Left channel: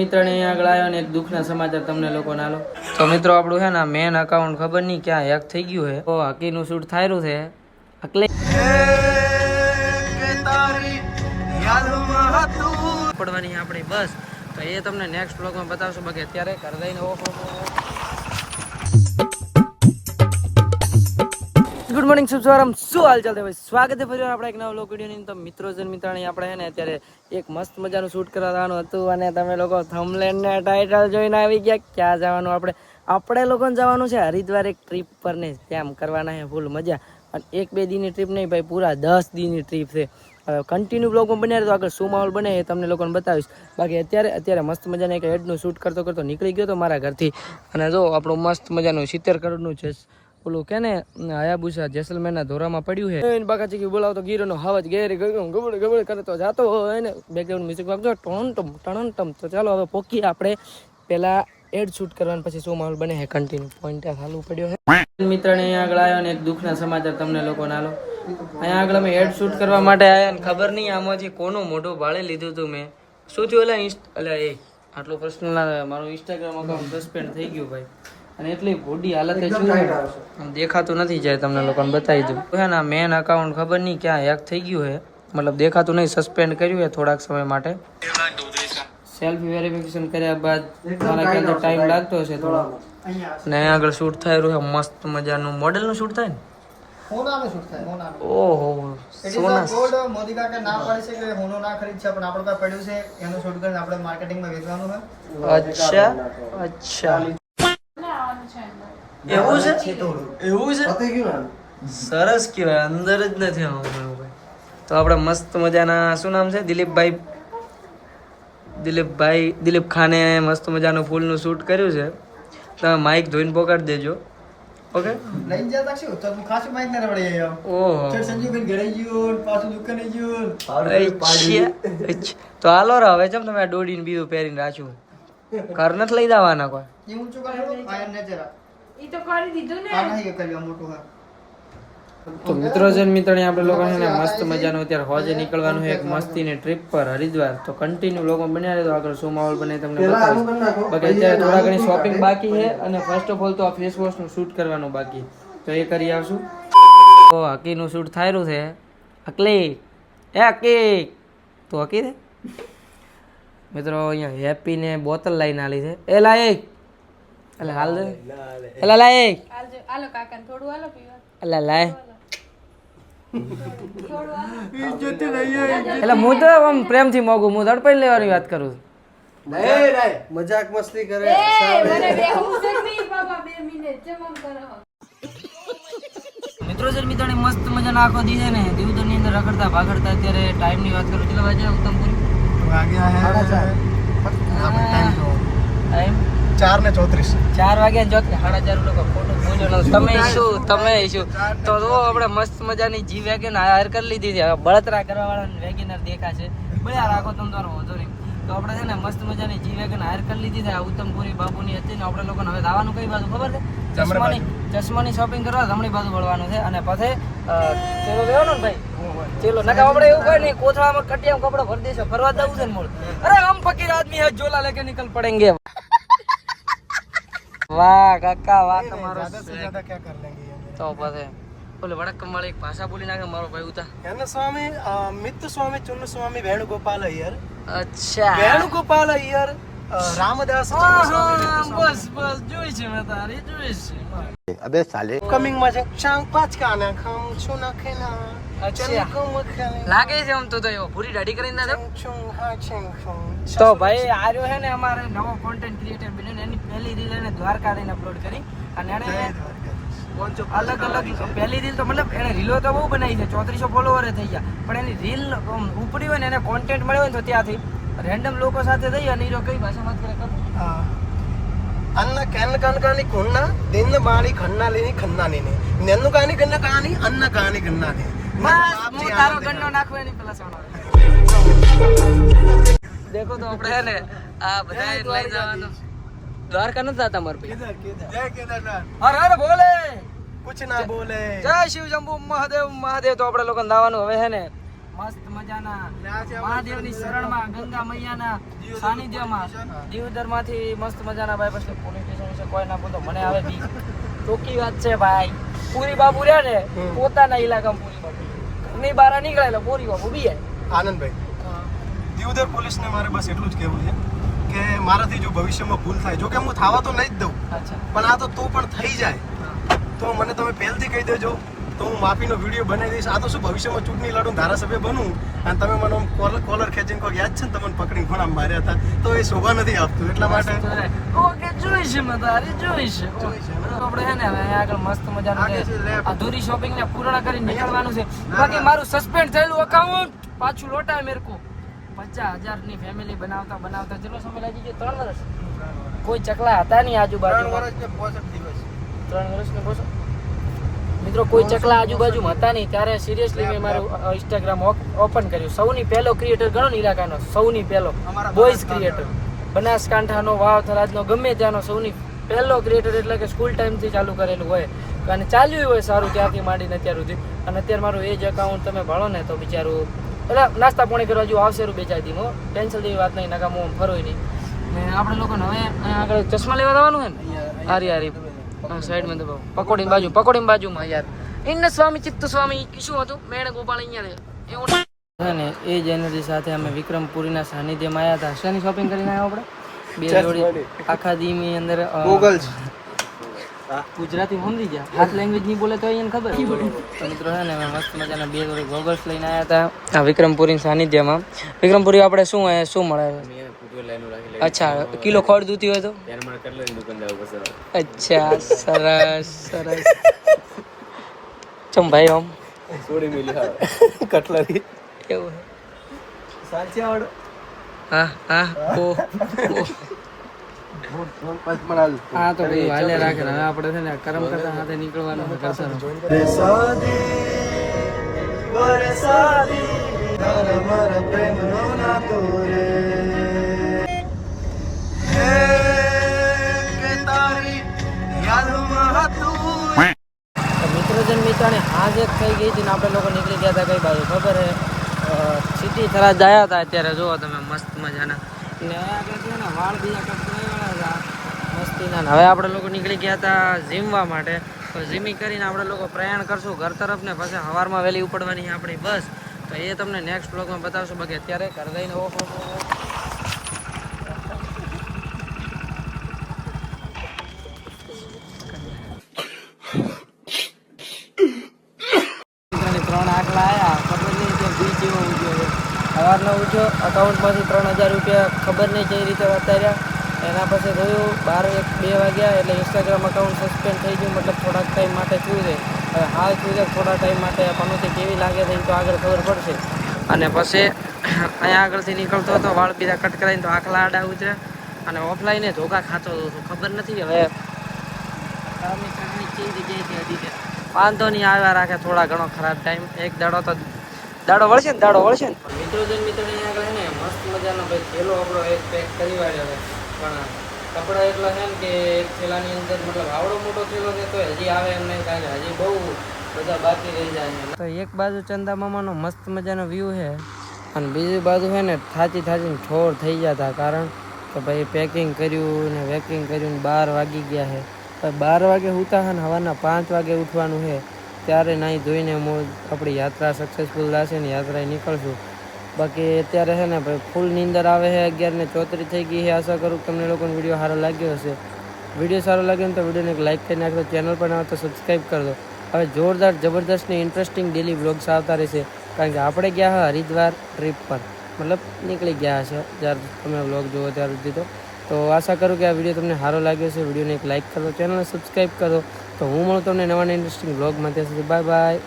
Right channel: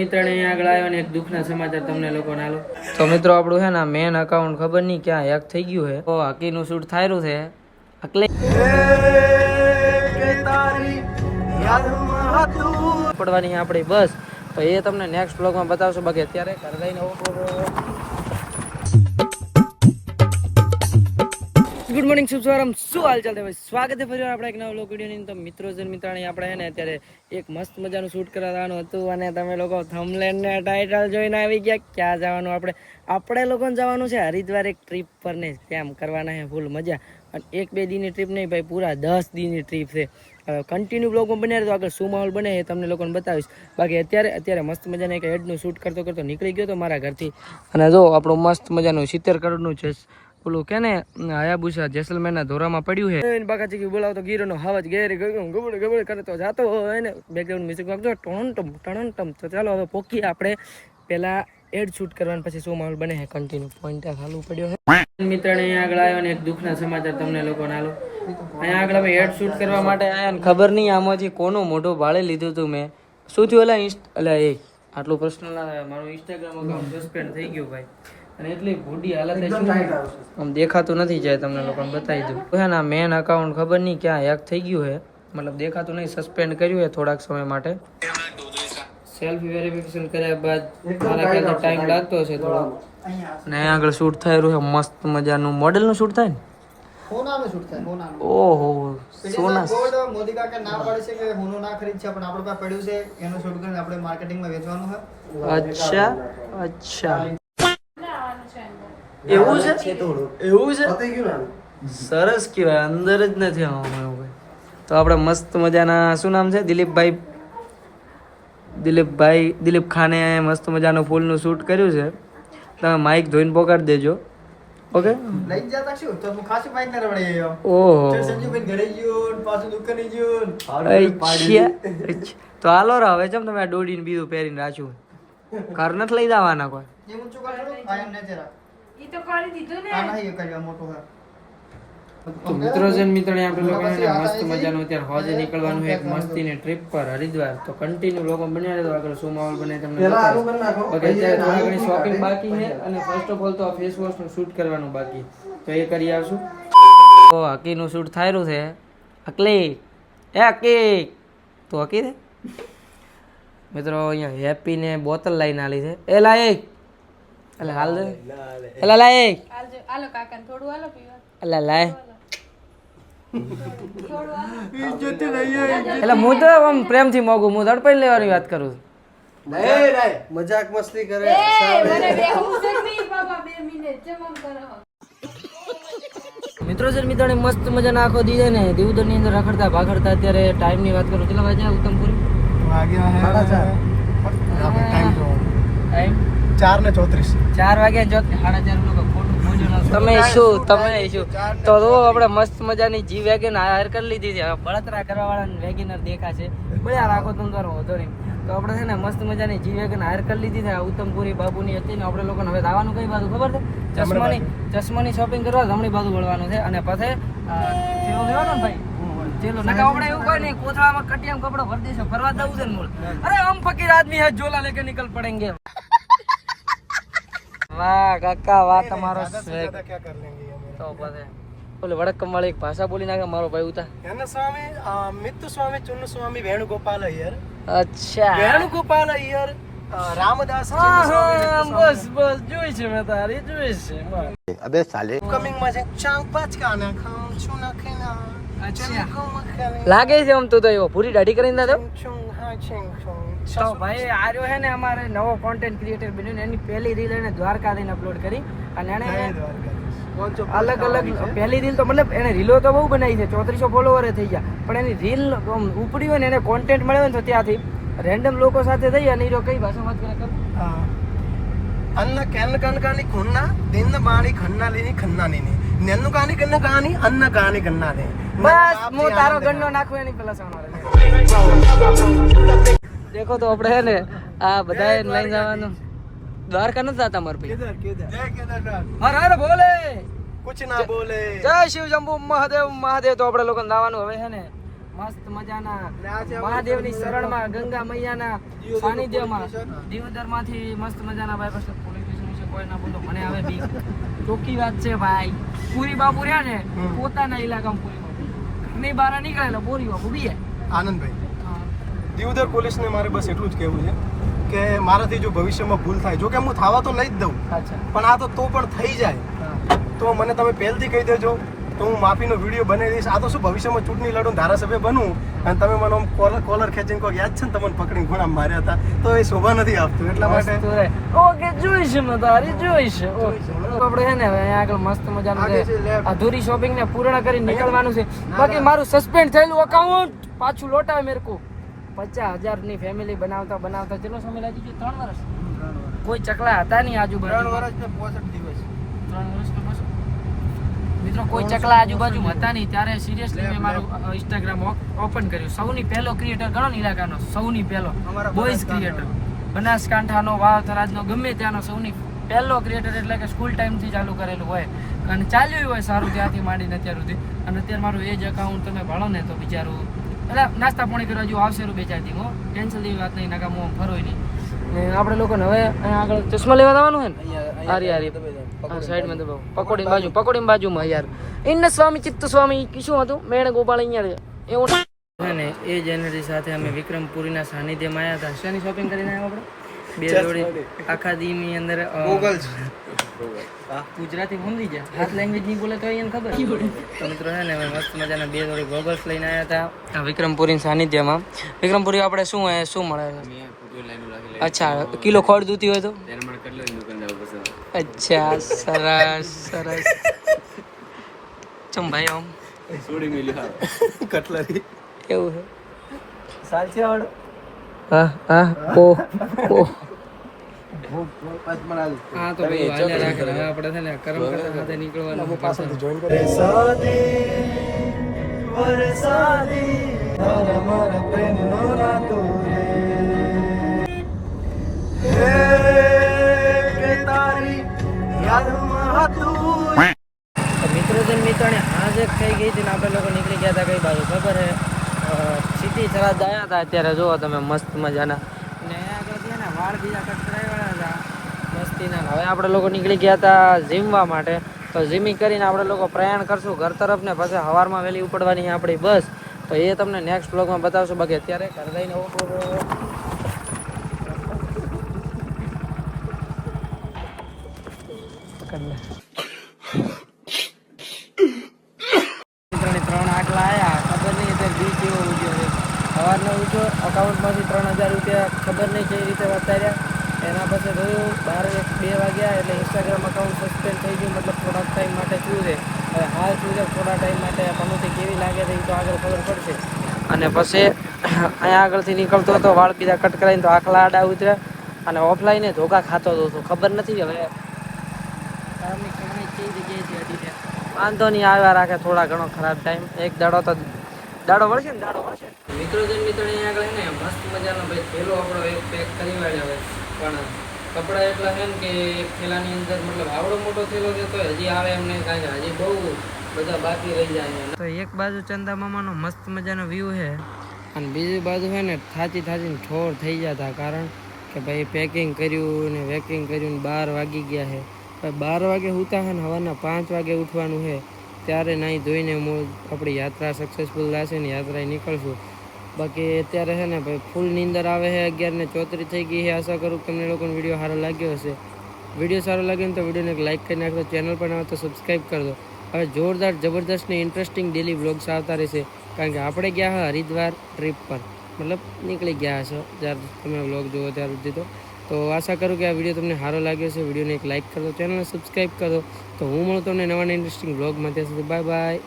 મિત્ર ને અહીંયા આગળ આવ્યો ને એક દુઃખના સમાચાર તમને લોકોને આલો. તો મિત્રો આપણું છે ને મેન અકાઉન્ટ ખબર નહીં ક્યાં હેક થઈ ગયું છે. તો હકીનું શૂટ થાયરું છે એટલે પડવાની આપણી બસ. તો એ તમને નેક્સ્ટ બ્લોગમાં બતાવશો. બાકી અત્યારે ઘર જઈને ગુડ મોર્નિંગ શુભ સવારમ શું હાલ ચાલતા ભાઈ, સ્વાગત છે ફરી આપણે એક નવા બ્લોગ વિડીયોની. તો મિત્રો જન મિત્રાણી આપણે ને અત્યારે એક મસ્ત મજાનું શૂટ કરવાનું હતું અને તમે લોકો થંબનેલ ને ટાઇટલ જોઈને આવી ગયા. ક્યાં જવાનું આપણે લોકોને જવાનું છે હરિદ્વાર એક ટ્રીપ પર ને ત્યાં કરવાના છે ફૂલ મજા. અને એક બે દીની ટ્રીપ નહીં ભાઈ, પૂરા 10 દીની ટ્રીપ છે. કન્ટિન્યુ બ્લોગમાં બન્યા તો આગળ શું માહોલ બને એ તમને લોકોને બતાવીશ. બાકી અત્યારે મસ્ત મજાનું એક એડનું શૂટ કરતો નીકળી ગયો તો મારા ઘરથી. અને જો આપણું મસ્ત મજાનું 70 કરોડનું છે પેલું કે ને હાયાબુસા જેસલમેરના ધોરામાં પડ્યું છે. બાકાજી બોલાવતો ગીરોનો હવાજ ગેર ગબડ કરતો જાતો હોય ને બેકગ્રાઉન્ડ મ્યુઝિક વાગતો ટણ. તો ચાલો હવે પોકી આપણે પેલા એડ શૂટ કરવાનું, પછી શું માહોલ બને છે કન્ટિન્યુ પોઈન્ટ ચાલુ પડ્યો છે. મિત્રને અહીંયા આગળ આવ્યો ને એક દુઃખના સમાચાર તમને લોકોને આલો. અહીંયા આગળ અમે એડ શૂટ કરવા માટે આવ્યા ને ખબર નહીં આમાંથી કોનું મોઢું ભાળે લીધું હતું મેં. શું થયું એ આટલું પ્રશ્ન ના, મારું ઇન્સ્ટાગ્રામ અકાઉન્ટ સસ્પેન્ડ થઈ ગયું ભાઈ. અને એટલી ભૂડી હાલત છે આમ દેખાતું નથી. જાય તમને લોકોને બતાવી દઉં છે ને મેન અકાઉન્ટ ખબર નહીં ક્યાં હેક થઈ ગયું છે. મતલબ દેખાતું નહીં, સસ્પેન્ડ કર્યું છે થોડાક સમય માટે. સેલ્ફી વેરિફિકેશન કર્યા બાદ મારા ખ્યાલથી ટાઈમ લાગતો હશે થોડો. અને અહીંયા આગળ શૂટ થાય રહ્યું છે મસ્ત મજાનું મોડેલનું શૂટ થાય ને. ઓહો સોના મોદી કાકા ના પાડે છે કે હોનો ના ખરીદ છે, પણ આપણે પાસે પડ્યું છે એનું શૂટ કરીને આપણે માર્કેટિંગમાં વેચવાનું છે. અચ્છા એવું છે સરસ કહેવાય. અંદર જ નથી આવું ભાઈ. તો આપણે મસ્ત મજાના શું નામ છે દિલીપ ખાને મસ્ત મજાનું ફૂલનું શૂટ કર્યું છે. તમે માઇક ધોઈને પોકાડી દેજો. ઓકે લઈને જતા શું તો તું ખાસી માઈક ને રવડે આવ્યો. ઓહો સંજુભાઈ ઘરે ગયો પાછું દુકાને ગયો. અચ્છા તો હાલો રે હવે. જેમ તમે આ દોડીને બીજું પહેરીને રાખ્યું ઘર નથી લઈ જવાના કોઈ. એ ઊંચું કરે આયન ને જરા ઈ તો કરી દીધું ને. આ નહીં કર્યું મોટું હોય. તો મિત્રો જન મિત્રને આપણે લોકોને મસ્ત મજાનું અત્યારે હોજે નીકળવાનું છે એક મસ્તીની ટ્રીપ પર હરિદ્વાર. તો કન્ટિન્યુ લોકો બન્યા રહે તો આગળ શું માહોલ બને તમને બતાવીશ. બાકી અત્યારે થોડા ઘણી શોપિંગ બાકી છે અને ફર્સ્ટ ઓફ ઓલ તો આ ફેસ વોશનું શૂટ કરવાનું બાકી, તો એ કરી આવશું. તો હકીનું શૂટ થાયરું છે. હકી તો હકી છે મિત્રો. અહીંયા હેપીને બોટલ લઈને આલી છે. એ લાય એટલે હાલ દે એટલે લાય આલો કાકાને થોડું આલો પીવા. એટલે લાય થોડું આલો. એટલે હું તો આમ પ્રેમથી મોગું, હું ધડપડી લેવાની વાત કરું છું. મજાક મસ્તી કરે. એ મને બેહું છે નહીં બાબા 2 મિનિટ જેમ આમ કરો. મિત્રો મિત્રોને મસ્ત મજાનો આખો દી છે ને દેવદરની અંદર રખડતા ભાગડતા. અત્યારે ટાઈમની વાત કરું કેટલા વાગ્યા ઉત્તમપુર? ટાઈમ 4:34 વાગ્યા જો 4:30 લોકો ખોટું ભોજન. તમે શું તો આપણે મસ્ત મજાની જી વેગન હાયર કરી લીધી છે. બળતરા કરવા વાળાને વેગનર દેખાશે બળ્યા રાખો તમે તો વધો નહીં. તો આપણે છે ને મસ્ત મજાની જી વેગન હાયર કરી લીધી છે. આ ઉત્તમપુરી બાબુની હતી ને આપણે લોકોને હવે આવવાનું કઈ બાજુ ખબર છે? ચશ્માની શોપિંગ કરવા જમણી બાજુ વળવાનું છે. અને પછી ચેલો લેવાનો ને ભાઈ, ચેલો ના આપણે એવું કોઈ નહીં કોથળામાં કટિયામાં કપડો ભરી દઈશું. ફરવા જવું છે ને મૂળ. અરે હમ ફકીર આદમી હે ઝોલા લેકે નિકલ પડેંગે. વાહ કાકા વાહ તમારો. તો પછી બોલે વડક્કમ વાળી એક ભાષા બોલી નાખે મારો ભાઈ ઉતા. એને સ્વામી મિત્ત સ્વામી ચુન્ન સ્વામી વેણુગોપાલ અય્યર. અચ્છા વેણુગોપાલ અય્યર રામદાસ બસ જોઈ છે મેં તારી જોઈ છે. અબે સાલે કમિંગ માં છે ચાંગ પાંચ કાના ખાઉં છું ના ખેલા. અચ્છા લાગે છે આમ તો એવો પૂરી દાઢી કરીને તો ભાઈ આ રહ્યો છે ને અમારે નવો કોન્ટેન્ટ ક્રિએટર બન્યો ને એની પહેલી રીલ એને દ્વારકા લઈને અપલોડ કરી. અને એને અલગ પહેલી રીલ તો મતલબ એને રીલો તો બહુ બનાવી છે, 3400 ફોલોવર થઈ ગયા. પણ એની રીલ ઉપડી હોય ને એને કોન્ટેન્ટ મળ્યો હોય ને તો ત્યાંથી રેન્ડમ લોકો સાથે જઈ અને એ કઈ ભાષામાં કરે అన్న కన్న కనకాని కొన్న నిన్న బాణి ఖన్నాలిని ఖన్నాలిని నిన్ను కాని కన్న కాని అన్న కాని కన్నాని બસ હું તારો ગન્નો નાખું એની પેલા સાઉન્ડ. દેખો તો આપણે હે ને આ બધા લઈ જવાનું દ્વારકા નથી જાતા મારું. કેદાર જય કેદારનાથ હર હર બોલે કુછ ના બોલે જય શિવ શંભુ મહાદેવ. તો આપણે લોકો લાવવાનું હવે હે ને મસ્ત મજાના મહાદેવની શરણમાં ગંગા મૈયાના સાનિધ્યમાં દિયોદરમાંથી મસ્ત મજાના ભાઈ પછી પોલીસ સ્ટેશન વિશે કોઈ ના બોલતો મને આવે બી ચોખ્ખી વાત છે ભાઈ. પૂરી બાપુ રહ્યા ને પોતાના ઇલાકામાં પૂરી બાપુ ઘરની બહાર નીકળે એટલે પૂરી બાપુ બી જાય. આનંદભાઈ, દિયોદર પોલીસને મારે બસ એટલું જ કહેવું છે કે મારાથી જો ભવિષ્યમાં ભૂલ થાય, જો કે હું થવા તો નહીં જ દઉં, અચ્છા પણ આ તો પણ થઈ જાય તો મને તમે પહેલથી કહી દેજો, તો હું માફીનો વિડીયો બનાવી દઈશ. આ તો શું ભવિષ્યમાં ચૂંટણી લડું, ધારાસભ્ય બનું અને તમે મને કોલર ખેંચીને કોઈ યાદ છે ને તમને પકડીને ગુનામ માર્યા હતા, તો એ શોભા નથી આપતું. એટલા માટે ઓકે જોઈશું ને તારી જોઈશું. આપણે છે ને હવે અહીંયા આગળ મસ્ત મજાનું છે અધૂરી શોપિંગ ને પૂર્ણ કરી નીકળવાનું છે. બાકી મારું સસ્પેન્ડ થયેલું અકાઉન્ટ પાછું લોટાવે મેરે કો. 50,000 ની ફેમિલી બનાવતા બનાવતા કેટલો સમય લાગી ગયો? 3 વર્ષ. કોઈ ચકલા હતા નહીં આજુબાજુ. 3 વર્ષ ને 65 મિત્રો કોઈ ચકલા આજુબાજુમાં હતા નહીં. ત્યારે સિરિયસલી મેં મારું ઇન્સ્ટાગ્રામ ઓપન કર્યું. સૌની પહેલો ક્રિએટર ગણો ને ઇલાકાનો, સૌની પહેલો બોયઝ ક્રિએટર, બનાસકાંઠાનો, વાવ થરાદનો, ગમે ત્યાંનો સૌની પહેલો ક્રિએટર. એટલે કે સ્કૂલ ટાઈમથી ચાલુ કરેલું હોય અને ચાલ્યું હોય સારું ત્યાંથી માંડીને અત્યાર સુધી. અને અત્યારે મારું એ જ એકાઉન્ટ તમે ભણો ને તો બિચારું એટલે નાસ્તા પાણી કરવા જેવું આવશે 2-4 દીમો. ટેન્શન જેવી વાત નહીં, નકામો ફરોય નહીં. ને આપણે લોકોને હવે અહીંયા આગળ ચશ્મા લેવા જવાનું હોય ને, હારી હા સાઈડમાં દબાવો. પકોડીની બાજુમાં યાર ઇન્ન સ્વામી ચિત્ત સ્વામી શું હતું મેણ ગોપાલ અહીંયા એવું છે ને. એ જ એનર્જી સાથે અમે વિક્રમપુરીના સાનિધ્યમાં આવ્યા હતા. શેની શોપિંગ કરીને આવ્યા આપણે? 2 જોડી આખા દીની અંદર ગોગલ્સ. ગુજરાતી સમજી ગયા, હાથ લેંગ્વેજ નહીં બોલે તો એને ખબર. તો મિત્રો છે ને અમે મસ્ત મજાના 2 જોડી ગોગલ્સ લઈને આવ્યા હતા વિક્રમપુરી સાનિધ્યમાં. વિક્રમપુરી આપણે શું મળે છે? અચ્છા, કિલો ખોડ દૂતી હોય તો? અચ્છા, સરસ સરસ. ચમ ભાઈ આમ કટલરી કેવું છે? સાચી આવડે. હા તો ભાઈ હાલે રાખે. હવે આપણે છે ને કરમ કરતા હાથે નીકળવાનું કરતા. મિત્રોને હાજ જ થઈ ગઈ હતી ને આપણે લોકો નીકળી ગયા હતા કઈ બાજુ ખબર હે? સિટી થરાદ આવ્યા હતા. અત્યારે જુઓ તમે મસ્ત મજાના ને આગળ છે ને વાળ બીજા કટ કરાવ્યા હતા મસ્તીના. હવે આપણે લોકો નીકળી ગયા હતા જીમવા માટે. તો જીમી કરીને આપણે લોકો પ્રયાણ કરશું ઘર તરફ ને પછી સવારમાં વહેલી ઉપડવાની આપણી બસ. તો એ તમને નેક્સ્ટ બ્લોગમાં બતાવશું. બાકી અત્યારે ઘર જઈને સવારનો ઉઠો અકાઉન્ટમાંથી 3,000 રૂપિયા ખબર નહીં કઈ રીતે ઉતાર્યા. એના પછી જોયું 12-2 વાગ્યા એટલે ઇન્સ્ટાગ્રામ અકાઉન્ટ સસ્પેન્ડ થઈ ગયું. મતલબ થોડાક ટાઈમ માટે શું છે હવે હાલ શું છે થોડા ટાઈમ માટે કમિટી કેવી લાગે છે તો આગળ ખબર પડશે. અને પછી અહીંયા આગળથી નીકળતો હતો વાળ બીજા કટ કરાવીને તો આખલા આડા ઉતર્યા અને ઓફલાઈને ધોકા ખાતો હતો. ખબર નથી હવે વાંધો નહીં આવ્યા રાખે થોડા ઘણો ખરાબ ટાઈમ. એક દાડો વળશે ને મિત્રો અહીંયા આગળ ને મસ્ત મજાનો ભાઈ થેલો આપણો એક પેક કરી વાળ્યો છે. પણ કપડા એટલા છે ને કે એક થેલાની અંદર મતલબ આવડો મોટો થેલો છે તો હજી આવે એમ નહીં, કારણ કે હજી બહુ બધા બાકી રહી જાય. તો એક બાજુ ચંદા મામાનો મસ્ત મજાનો વ્યૂ છે અને બીજી બાજુ છે ને થાચીને ઠોર થઈ જતા. કારણ કે ભાઈ પેકિંગ કર્યું ને વેકિંગ કર્યું ને 12 વાગી ગયા છે. 12 વાગે ઉઠા છે ને સવારના 5 વાગે ઉઠવાનું છે. ત્યારે નાહી ધોઈને આપણી યાત્રા સક્સેસફુલ થશે ને યાત્રાએ નીકળશું. બાકી અત્યારે છે ને ભાઈ ફૂલ નીંદર આવે છે. 11:34 થઈ ગઈ છે. આશા કરું તમને લોકોને વિડીયો સારો લાગ્યો હશે. વિડીયો સારો લાગ્યો ને તો વિડીયોને એક લાઇક કરી નાખજો. ચેનલ પર આવે તો સબસ્ક્રાઈબ કરી દો. હવે જોરદાર જબરદસ્ત ને ઇન્ટરેસ્ટિંગ ડેલી વ્લોગ્સ આવતા રહેશે. કારણ કે આપણે ગયા હા હરિદ્વાર ટ્રીપ પર, મતલબ નીકળી ગયા હશે જ્યારે તમે વ્લોગ જુઓ ત્યાર સુધી. તો આશા કરું કે આ વિડીયો તમને સારો લાગ્યો છે. વિડીયોને એક લાઇક કરો, ચેનલને સબસ્ક્રાઈબ કરો. તો હું મળું તમને નવા ઇન્ટરેસ્ટિંગ વ્લોગમાં. ત્યાં સુધી બાય બાય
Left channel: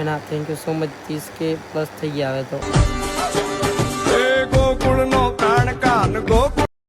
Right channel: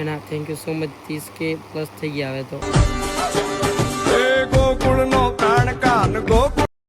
એના thank you so much. 30K plus થઈ ગયા હવે તો. ગોકુળ નો કાન કાન ગોકુળ